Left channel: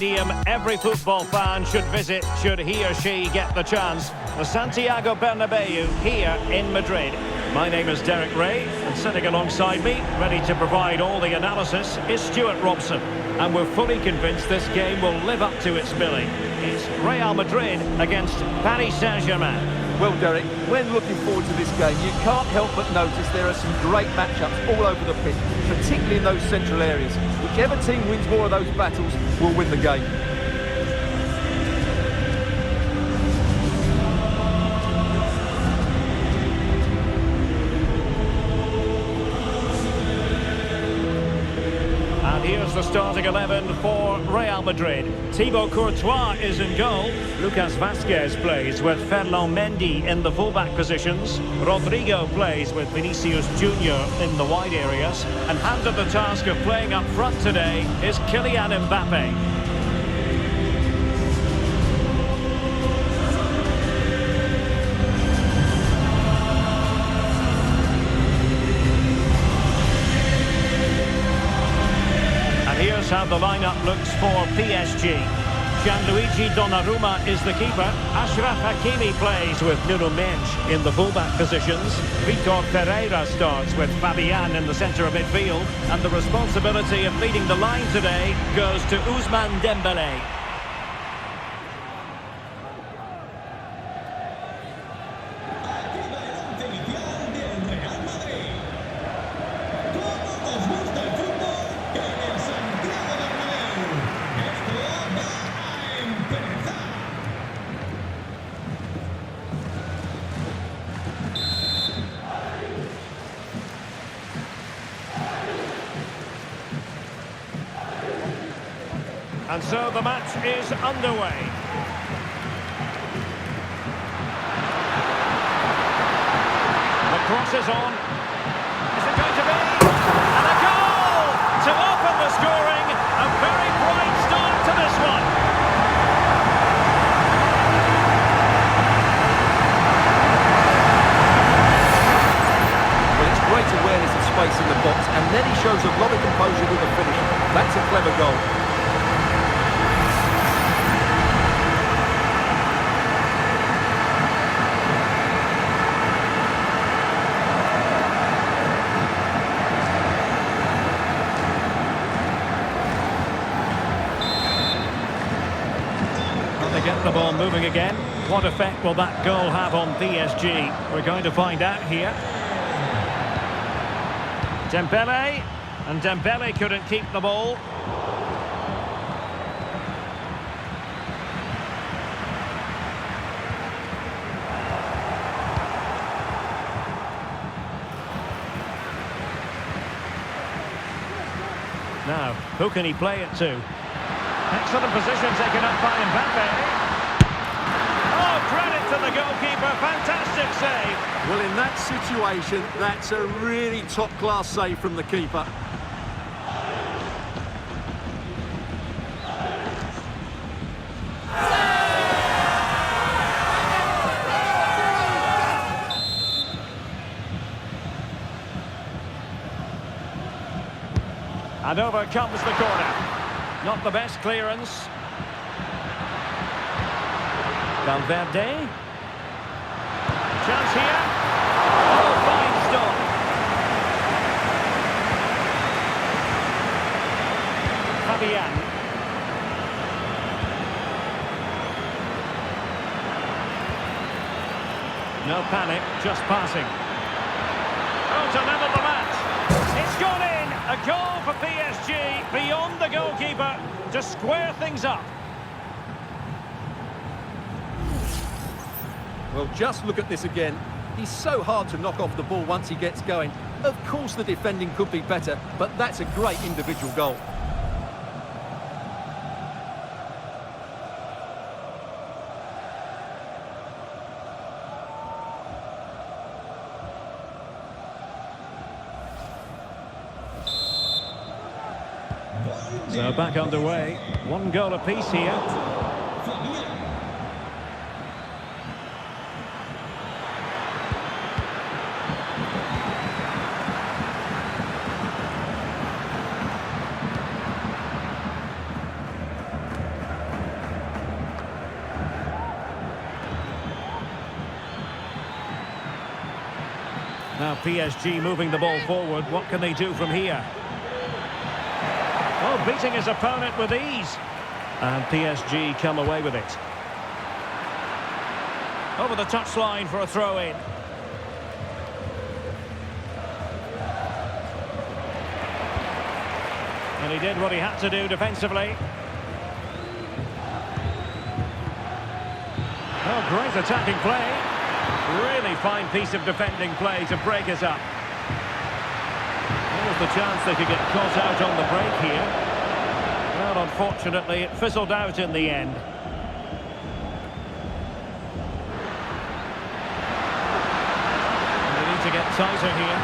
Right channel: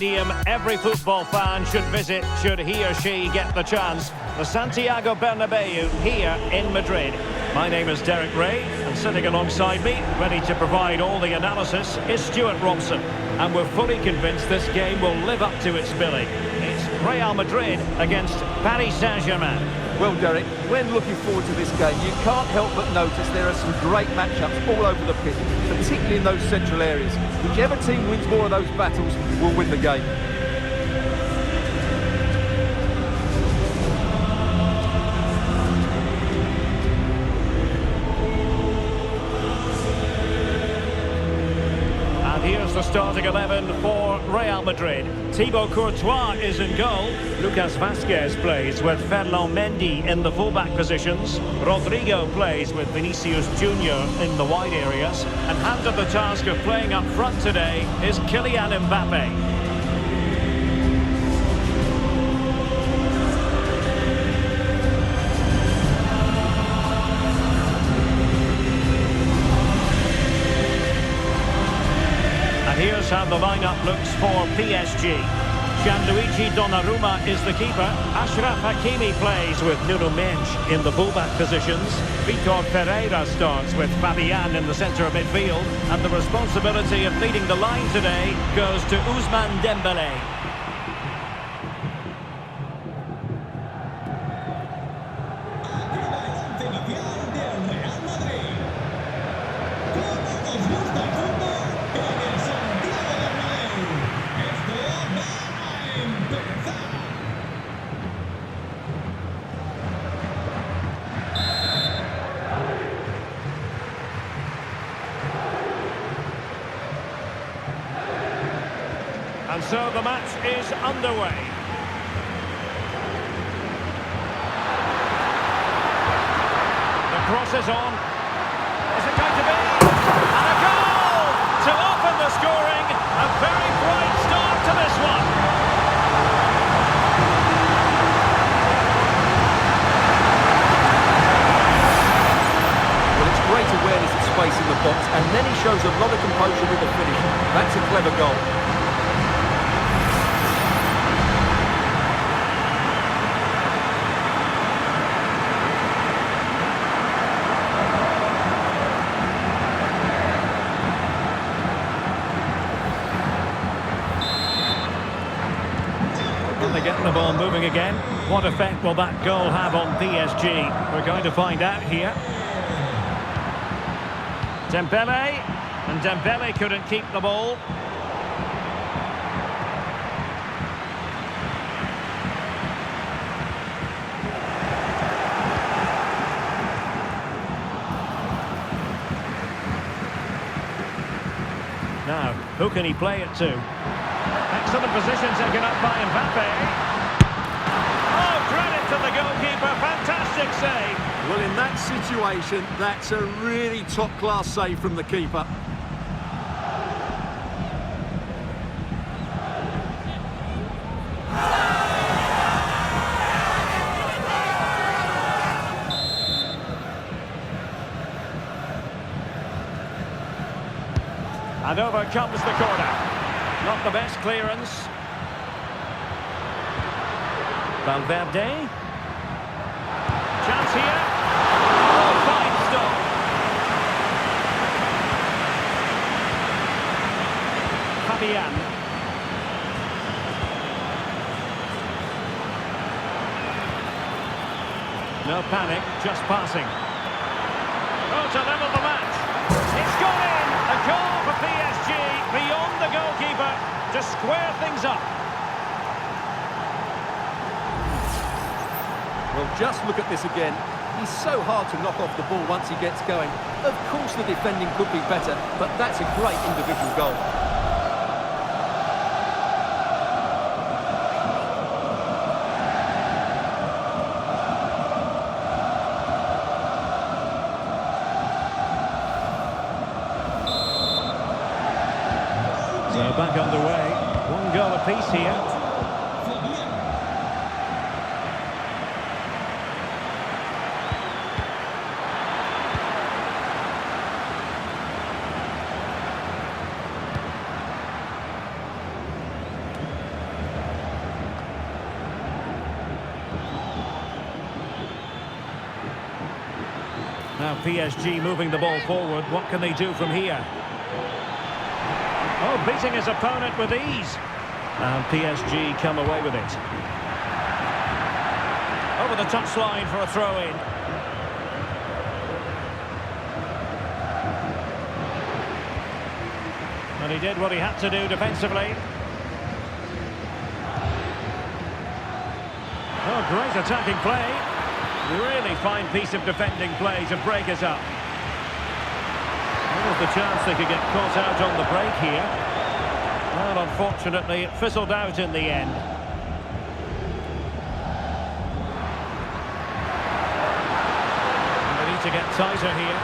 stadium every football fan should visit should he or she get the chance. The Santiago Bernabeu here in Madrid. My name is Derek Ray, and sitting alongside me, ready to provide all the analysis, is Stuart Robson. And we're fully convinced this game will live up to its billing. It's Real Madrid against Paris Saint-Germain. Well, Derek, when looking forward to this game, you can't help but notice there are some great matchups all over the pitch, particularly in those central areas. Whichever team wins more of those battles will win the game. And here's the starting 11 for Real Madrid. Thibaut Courtois is in goal. Lucas Vazquez plays with Ferland Mendy in the fullback positions. Rodrigo plays with Vinícius Jr in the wide areas. And handed the task of playing up front today is Kylian Mbappé. Here's how the lineup looks for PSG. Gianluigi Donnarumma is the keeper. Achraf Hakimi plays with Nuno Mendes in the fullback positions. Vitor Pereira starts with Fabian in the centre of midfield. And the responsibility of leading the line today goes to Ousmane Dembélé. And so the match is underway. The cross is on. Is it going to be? And a goal to open the scoring. A very bright start to this one. Well, it's great awareness of space in the box, and then he shows a lot of composure with the finish. That's a clever goal. They're getting the ball moving again. What effect will that goal have on PSG? We're going to find out here. Dembélé, and Dembélé couldn't keep the ball. Now, who can he play it to? Excellent position taken up by Mbappé. Oh, credit to the goalkeeper. Fantastic save. Well, in that situation, that's a really top-class save from the keeper. And over comes the corner. Not the best clearance. Valverde. Chance here. Oh, fine stop. Fabian. No panic, just passing. Oh, to level the match. It's gone in. A goal for PSG beyond the goalkeeper to square things up. Well, just look at this again. He's so hard to knock off the ball once he gets going. Of course the defending could be better, but that's a great individual goal. So back underway. One goal apiece here. Now PSG moving the ball forward. What can they do from here? Oh, beating his opponent with ease. And PSG come away with it. Over the touchline for a throw-in. And he did what he had to do defensively. Oh, great attacking play. Really fine piece of defending play to break us up. There was the chance they could get caught out on the break here. Well, unfortunately, it fizzled out in the end. And they need to get tighter here.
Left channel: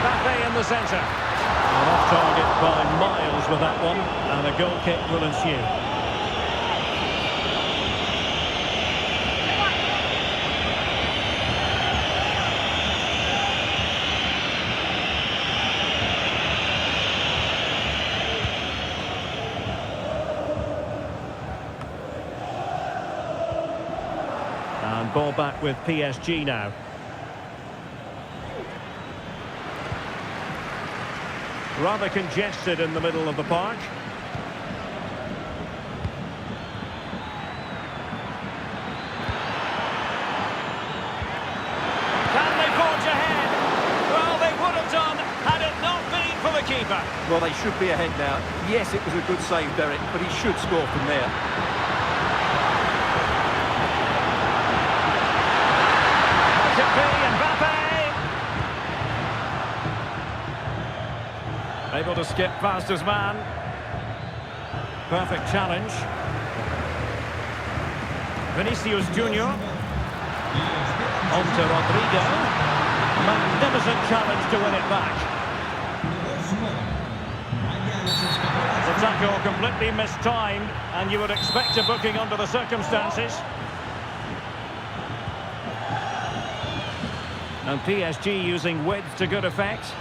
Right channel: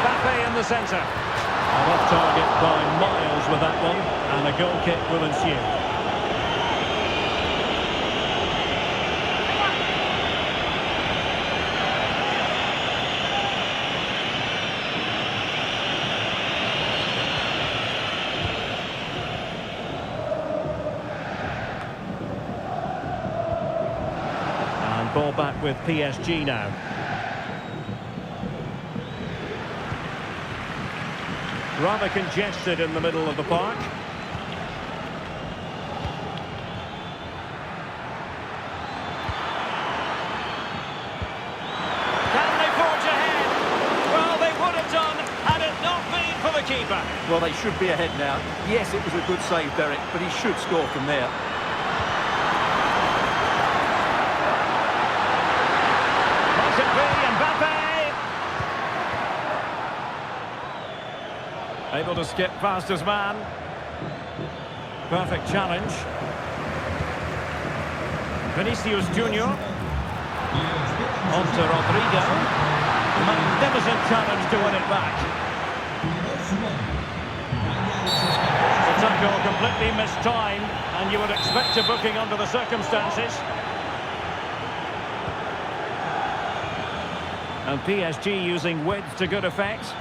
Mbappé in the centre. And off target by miles with that one. And a goal kick will ensue. And ball back with PSG now. Rather congested in the middle of the park. Can they forge ahead? Well, they would have done had it not been for the keeper. Well, they should be ahead now. Yes, it was a good save, Derek, but he should score from there. Might it be Mbappé? Able to skip past his man. Perfect challenge. Vinícius Jr. On to Rodrigo. Magnificent challenge to win it back. The tackle completely mistimed, and you would expect a booking under the circumstances. And PSG using width to good effect.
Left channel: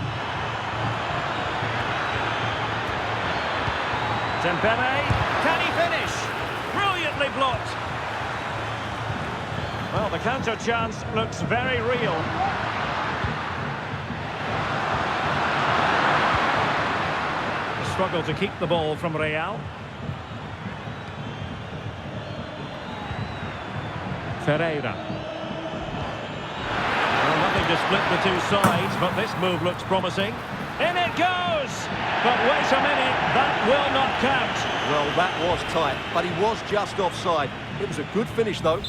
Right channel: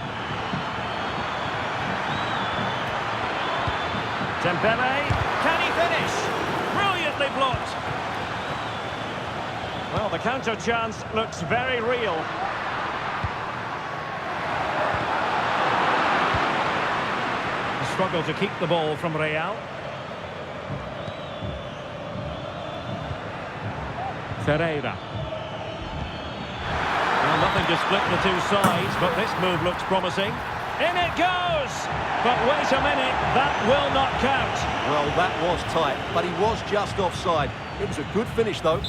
Dembele, can he finish? Brilliantly blocked. Well, the counter chance looks very real. A struggle to keep the ball from Real. Ferreira. Well, nothing to split the two sides, but this move looks promising. In it goes! But wait a minute, that will not count. Well, that was tight, but he was just offside. It was a good finish, though.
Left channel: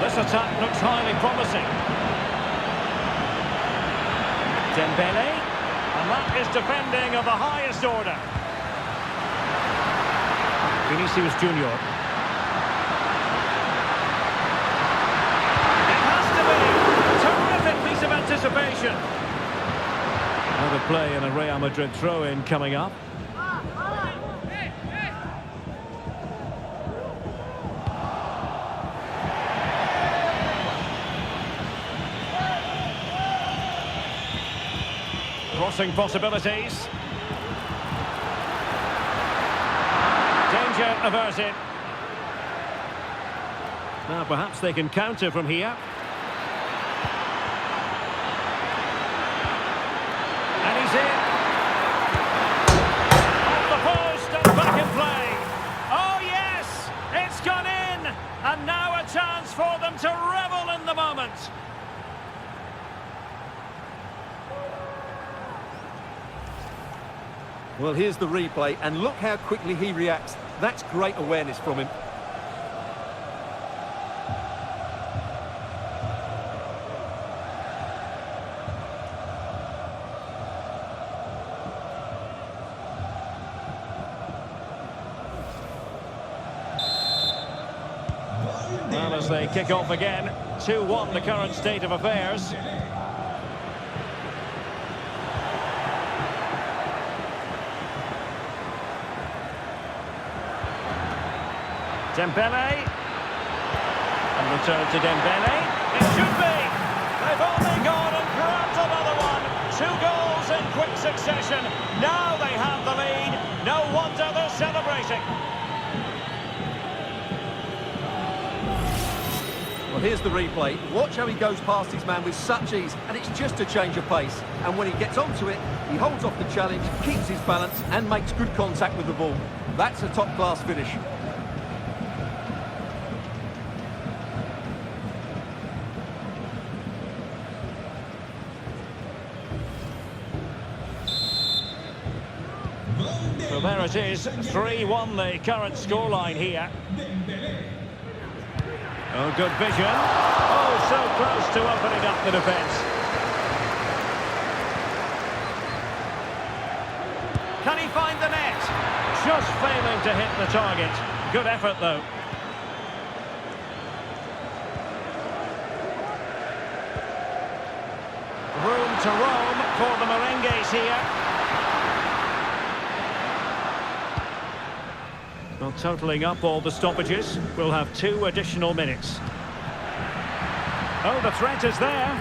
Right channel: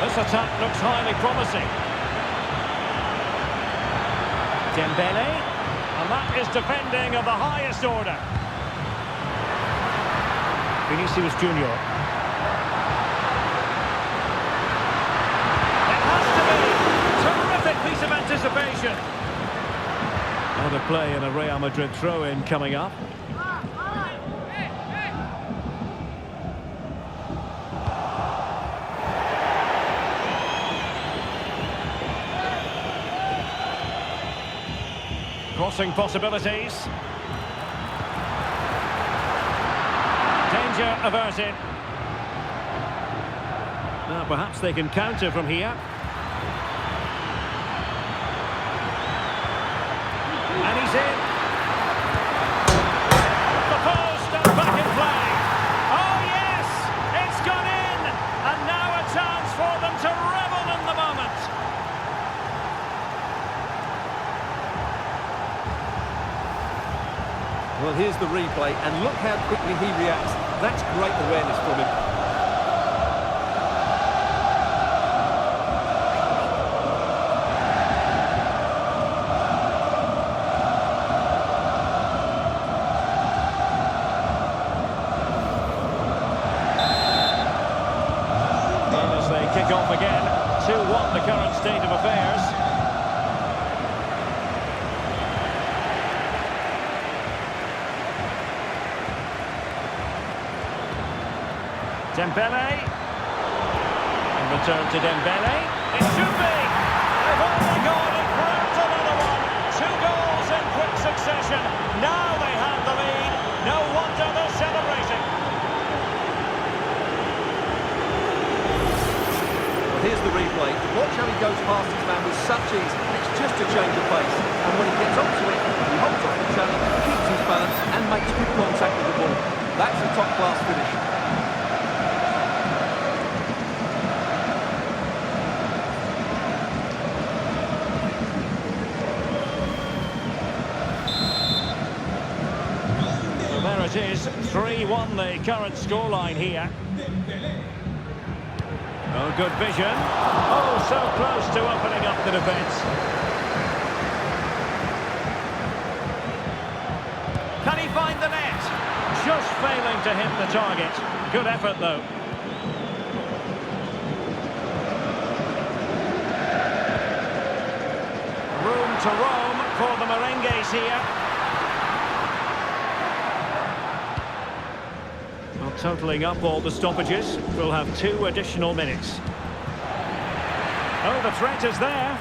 This attack looks highly promising. Dembele, and that is defending of the highest order. Vinícius Jr. Terrific piece of anticipation. Out of play and a Real Madrid throw-in coming up. Crossing possibilities. Danger averted. Now perhaps they can counter from here. And he's in. Off the post and back in play. Oh yes, it's gone in. And now a chance for them to revel in the moment. Well, here's the replay, and look how quickly he reacts. That's great awareness from him. Well, as they kick off again, 2-1 the current state of affairs. Dembele. And return to Dembele. It should be. They've only gone and grabbed another one. 2 goals in quick succession. Now they have the lead. No wonder they're celebrating. Well, here's the replay. Watch how he goes past his man with such ease, and it's just a change of pace. And when he gets onto it, he holds off the challenge, keeps his balance, and makes good contact with the ball. That's a top-class finish. So there it is, 3-1 the current scoreline here. Oh, good vision. Oh, so close to opening up the defence. Can he find the net? Just failing to hit the target. Good effort, though. Room to roam for the Merengues here. Well, totalling up all the stoppages, we'll have 2 additional minutes. Oh, the threat is there.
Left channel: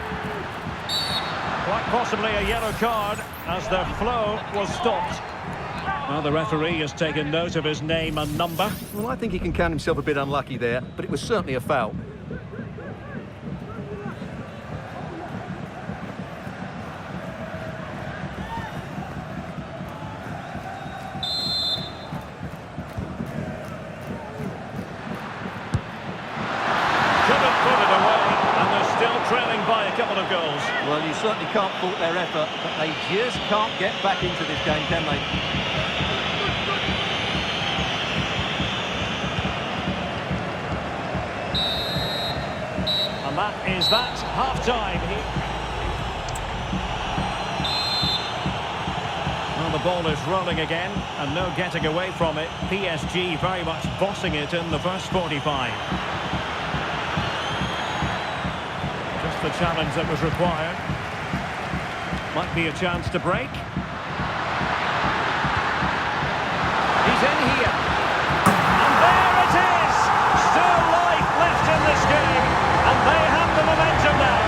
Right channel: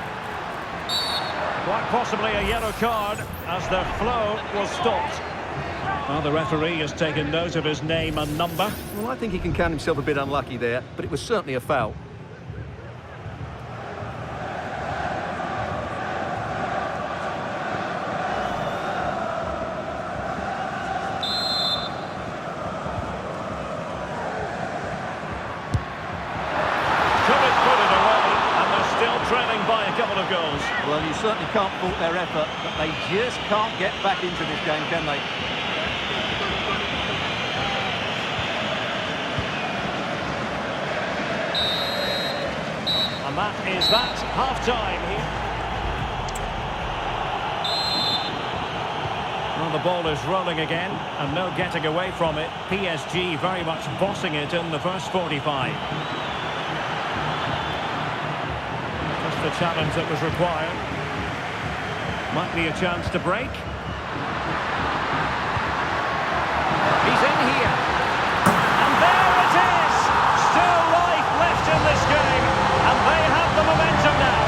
Quite possibly a yellow card as the flow was stopped. Well, the referee has taken note of his name and number. Well, I think he can count himself a bit unlucky there, but it was certainly a foul. Couldn't put it away, and they're still trailing by a couple of goals. Well, you certainly can't fault their effort, but they just can't get back into this game, can they? And that is that, half-time here. Well, the ball is rolling again, and no getting away from it. PSG very much bossing it in the first 45. Just the challenge that was required. Might be a chance to break. He's in here. And there it is! Still life left in this game. And they have the momentum now.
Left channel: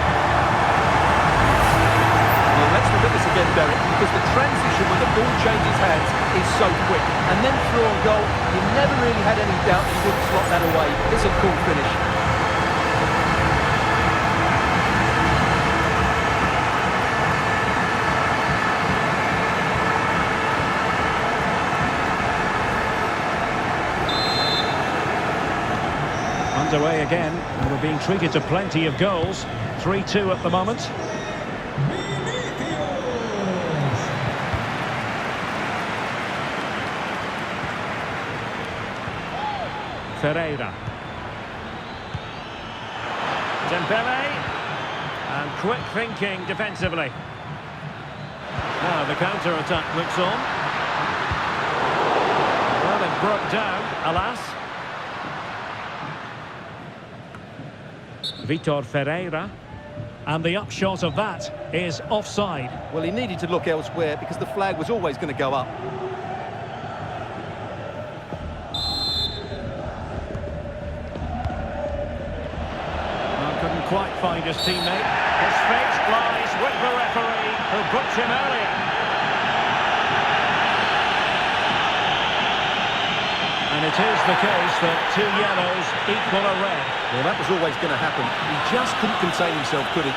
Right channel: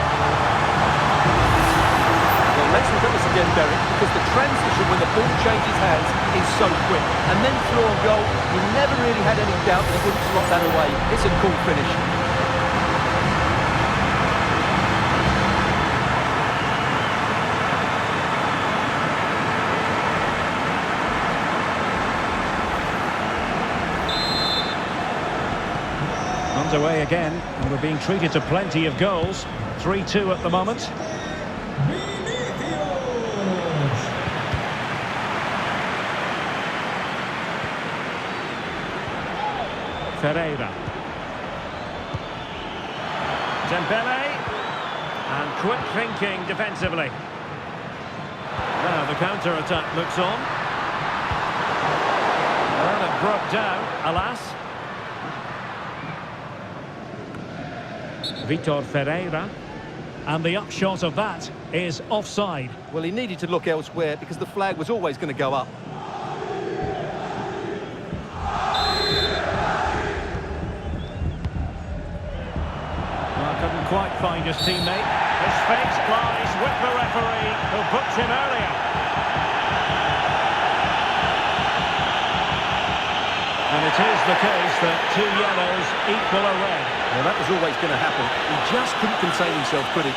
Well, let's look at this again, Derek, because the transition when the ball changes hands is so quick. And then through on goal, you never really had any doubt that he wouldn't slot that away. It's a cool finish. Underway again, and we're being treated to plenty of goals. 3-2 at the moment. Ferreira. Dembele. And quick thinking defensively. Now the counter-attack looks on. Well, it broke down, alas. Vitor Ferreira, and the upshot of that is offside. Well, he needed to look elsewhere because the flag was always going to go up. Well, couldn't quite find his teammate. His fate lies with the referee who booked him earlier. And it is the case that 2 yellows equal a red. Well, that was always going to happen. He just couldn't contain himself, could he?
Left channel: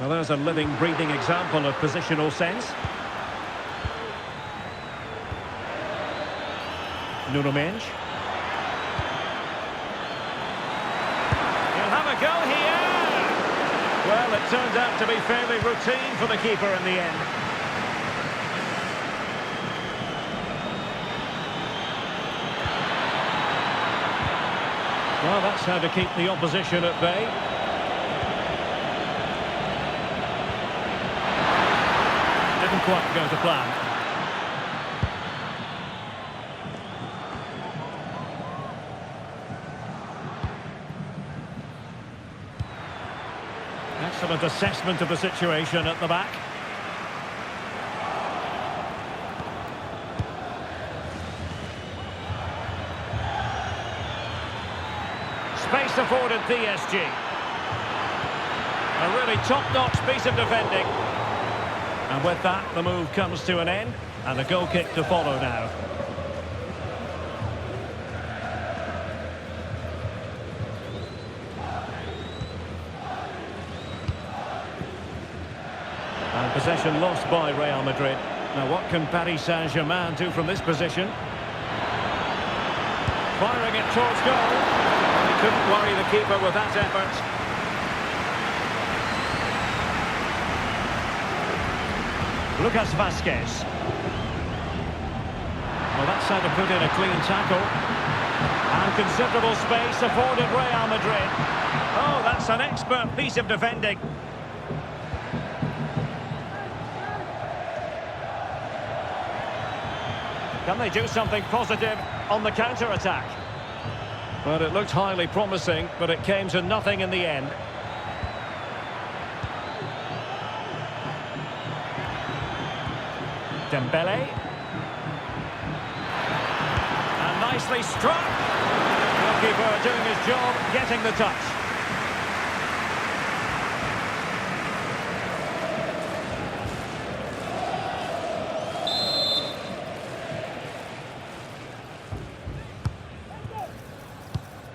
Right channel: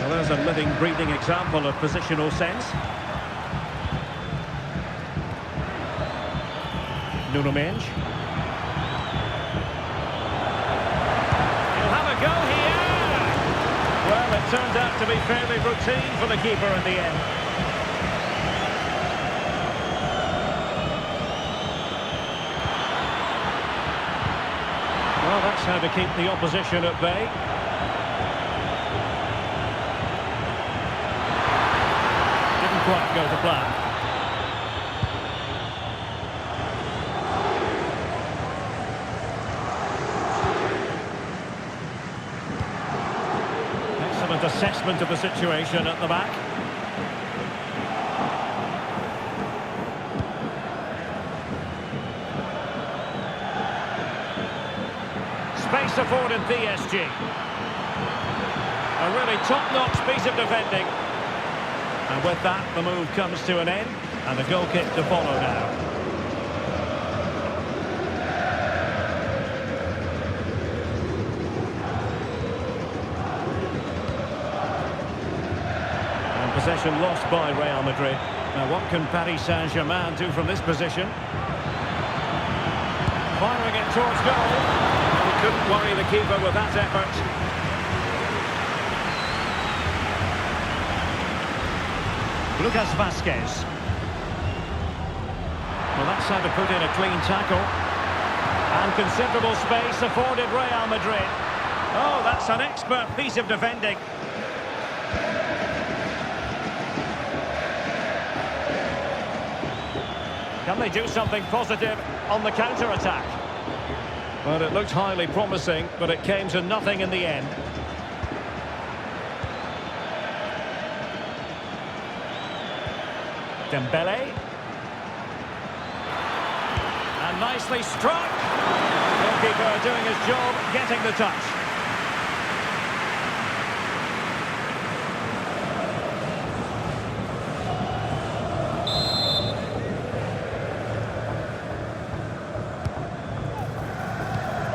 Well, there's a living, breathing example of positional sense. Nuno Mendes. He'll have a go here. Well, it turned out to be fairly routine for the keeper in the end. Well, that's how to keep the opposition at bay. Didn't quite go to plan. Excellent assessment of the situation at the back. space afforded PSG. A really top-notch piece of defending. And with that, the move comes to an end, and a goal kick to follow now. And possession lost by Real Madrid. Now what can Paris Saint-Germain do from this position? Firing it towards goal. Well, he couldn't worry the keeper with that effort. Lucas Vazquez. Well, that's how to put in a clean tackle. And considerable space afforded Real Madrid. Oh, that's an expert piece of defending. Can they do something positive on the counter-attack? Well, it looked highly promising, but it came to nothing in the end. Dembele. And nicely struck. Goalkeeper doing his job, getting the touch.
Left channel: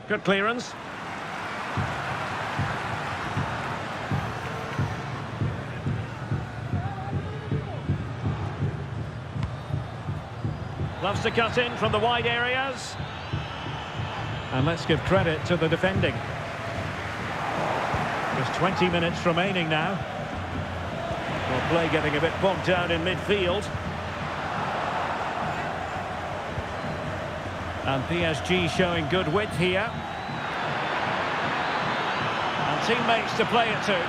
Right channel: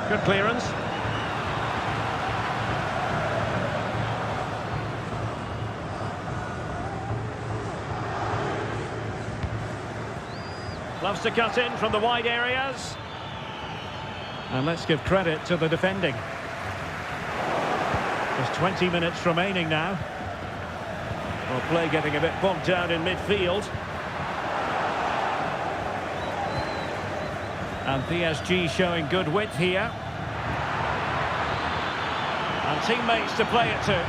Good clearance. Loves to cut in from the wide areas. And let's give credit to the defending. Just 20 minutes remaining now. Well, play getting a bit bogged down in midfield. And PSG showing good width here. And teammates to play it to.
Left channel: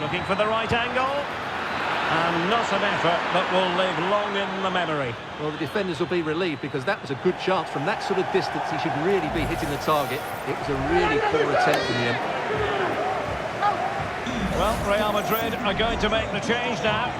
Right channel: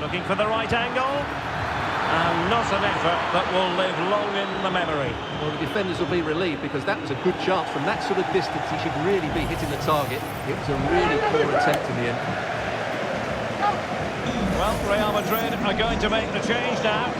Looking for the right angle. And not an effort that will live long in the memory. Well, the defenders will be relieved because that was a good chance. From that sort of distance, he should really be hitting the target. It was a really poor attempt in the end. Well, Real Madrid are going to make the change now.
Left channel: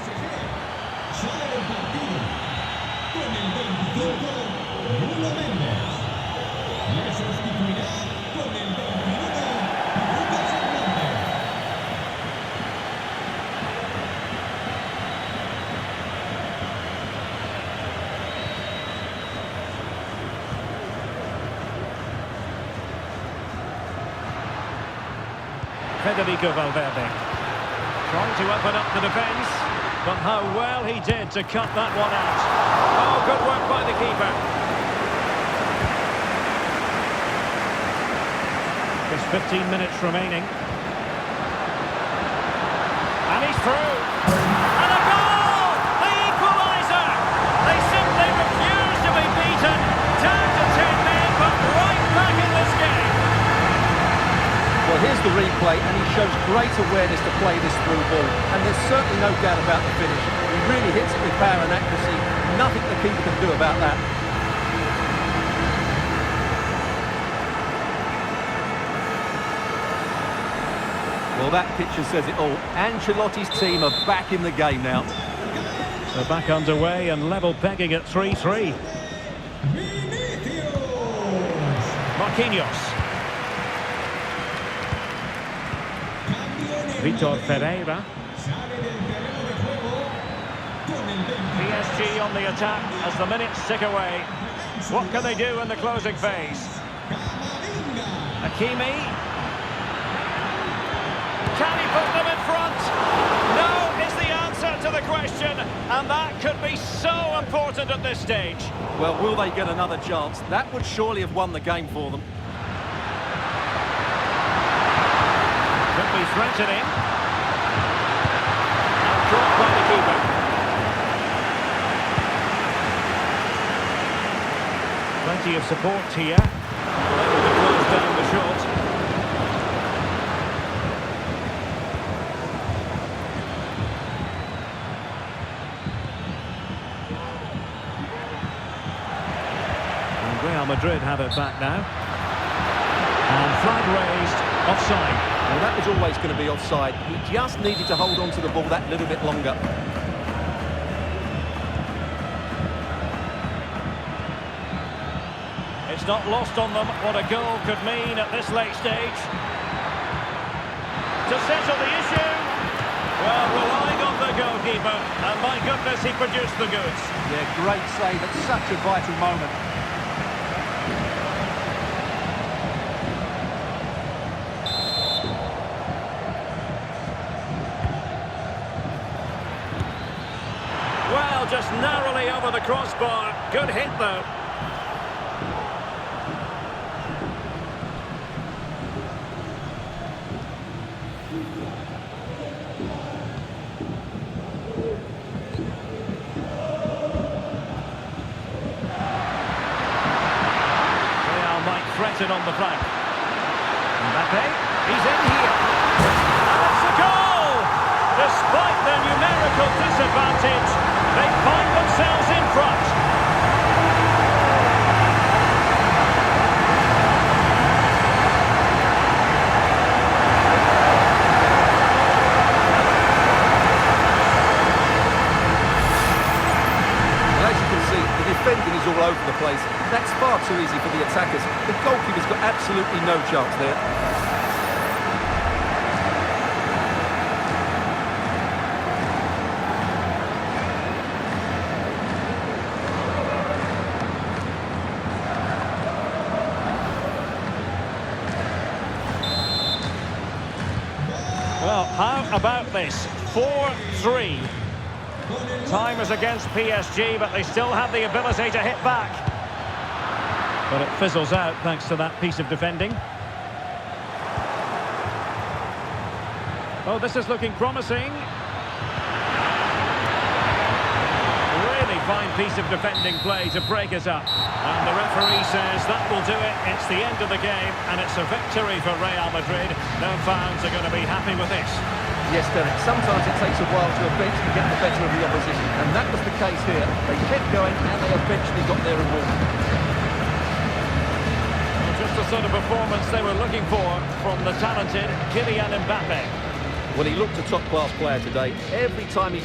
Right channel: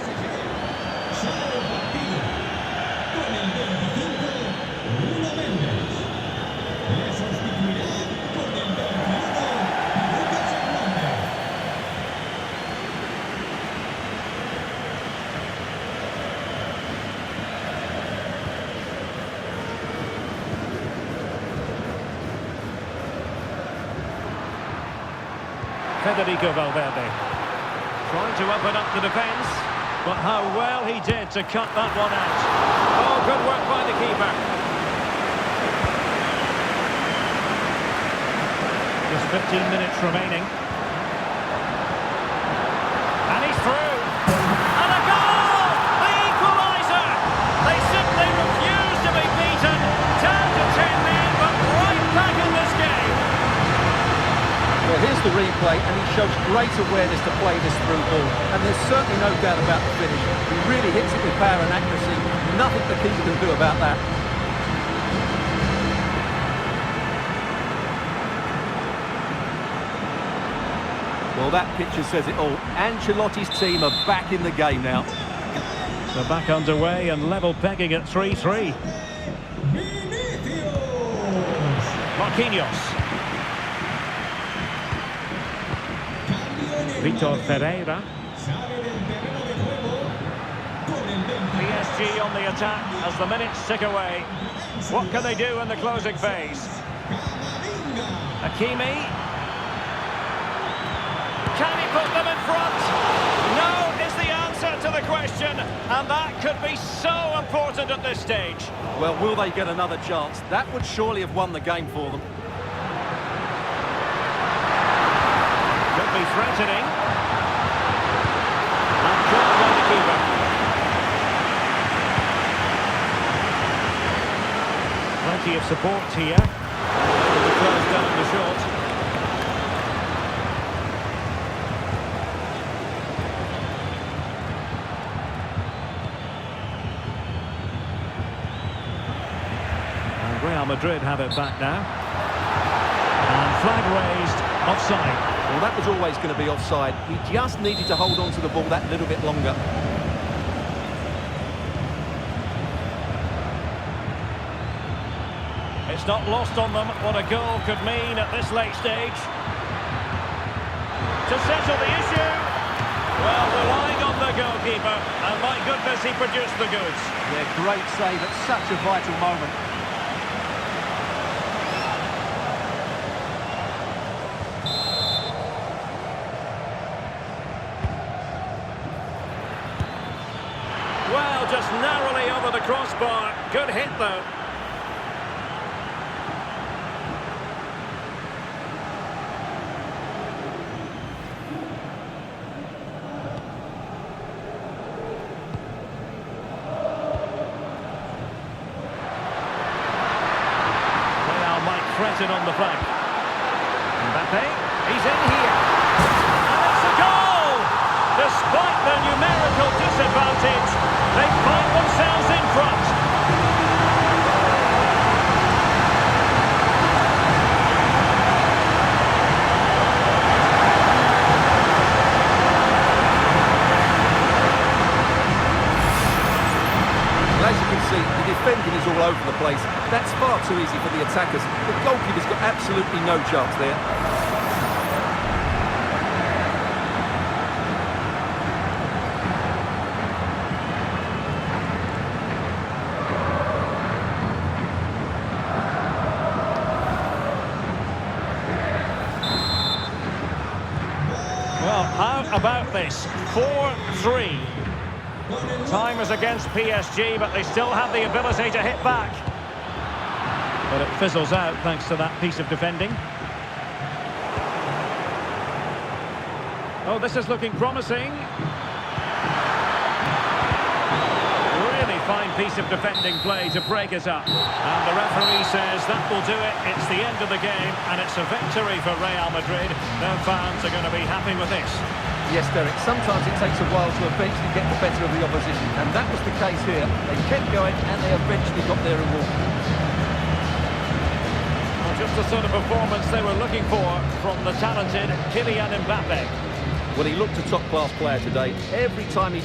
Federico Valverde trying to open up the defence, but how well he did to cut that one out. Oh, good work by the keeper. Just 15 minutes remaining. And he's through. And a goal! The equaliser! They simply refuse to be beaten. Down to 10 men, but right back in this game. Well, here's the replay, and he shows great awareness to play this through ball. And there's certainly no doubt about the finish. He really hits it with power and accuracy. Nothing the keeper can do about that. Well, that picture says it all. Ancelotti's team are back in the game now. They're back underway and level pegging at 3-3. Marquinhos. Vitor Ferreira. PSG on the attack as the minutes tick away. What can they do in the closing phase? Hakimi. Can he put them in front? No is the answer to the question, and that could be so important at this stage. Well, will they get another chance? That would surely have won the game for them. Could be threatening. And caught by the keeper. Plenty of support here. Able to close down the shot. And Real Madrid have it back now. And flag raised, offside. Well, that was always going to be offside. He just needed to hold on to the ball that little bit longer. It's not lost on them what a goal could mean at this late stage. To settle the issue. Well, relying on the goalkeeper, and my goodness, he produced the goods. Yeah, great save at such a vital moment. Well, just narrowly over the crossbar. Good hit, though. Real might threaten on the flank. Mbappé, he's in here. And it's a goal! Despite their numerical disadvantage, they find themselves in front. Well, as you can see, the defending is all over the place. That's far too easy for the attackers. The goalkeeper's got absolutely no chance there. Well, how about this? 4-3. Time is against PSG, but they still have the ability to hit back. But it fizzles out thanks to that piece of defending. Oh, this is looking promising. Really fine piece of defending play to break it up. And the referee says that will do it. It's the end of the game, and it's a victory for Real Madrid. Their fans are going to be happy with this. Yes, Derek, sometimes it takes a while to eventually get the better of the opposition, and that was the case here. They kept going, and they eventually got their reward. Well, just the sort of performance they were looking for from the talented Kylian Mbappé. Well, he looked a top-class player today. Every time he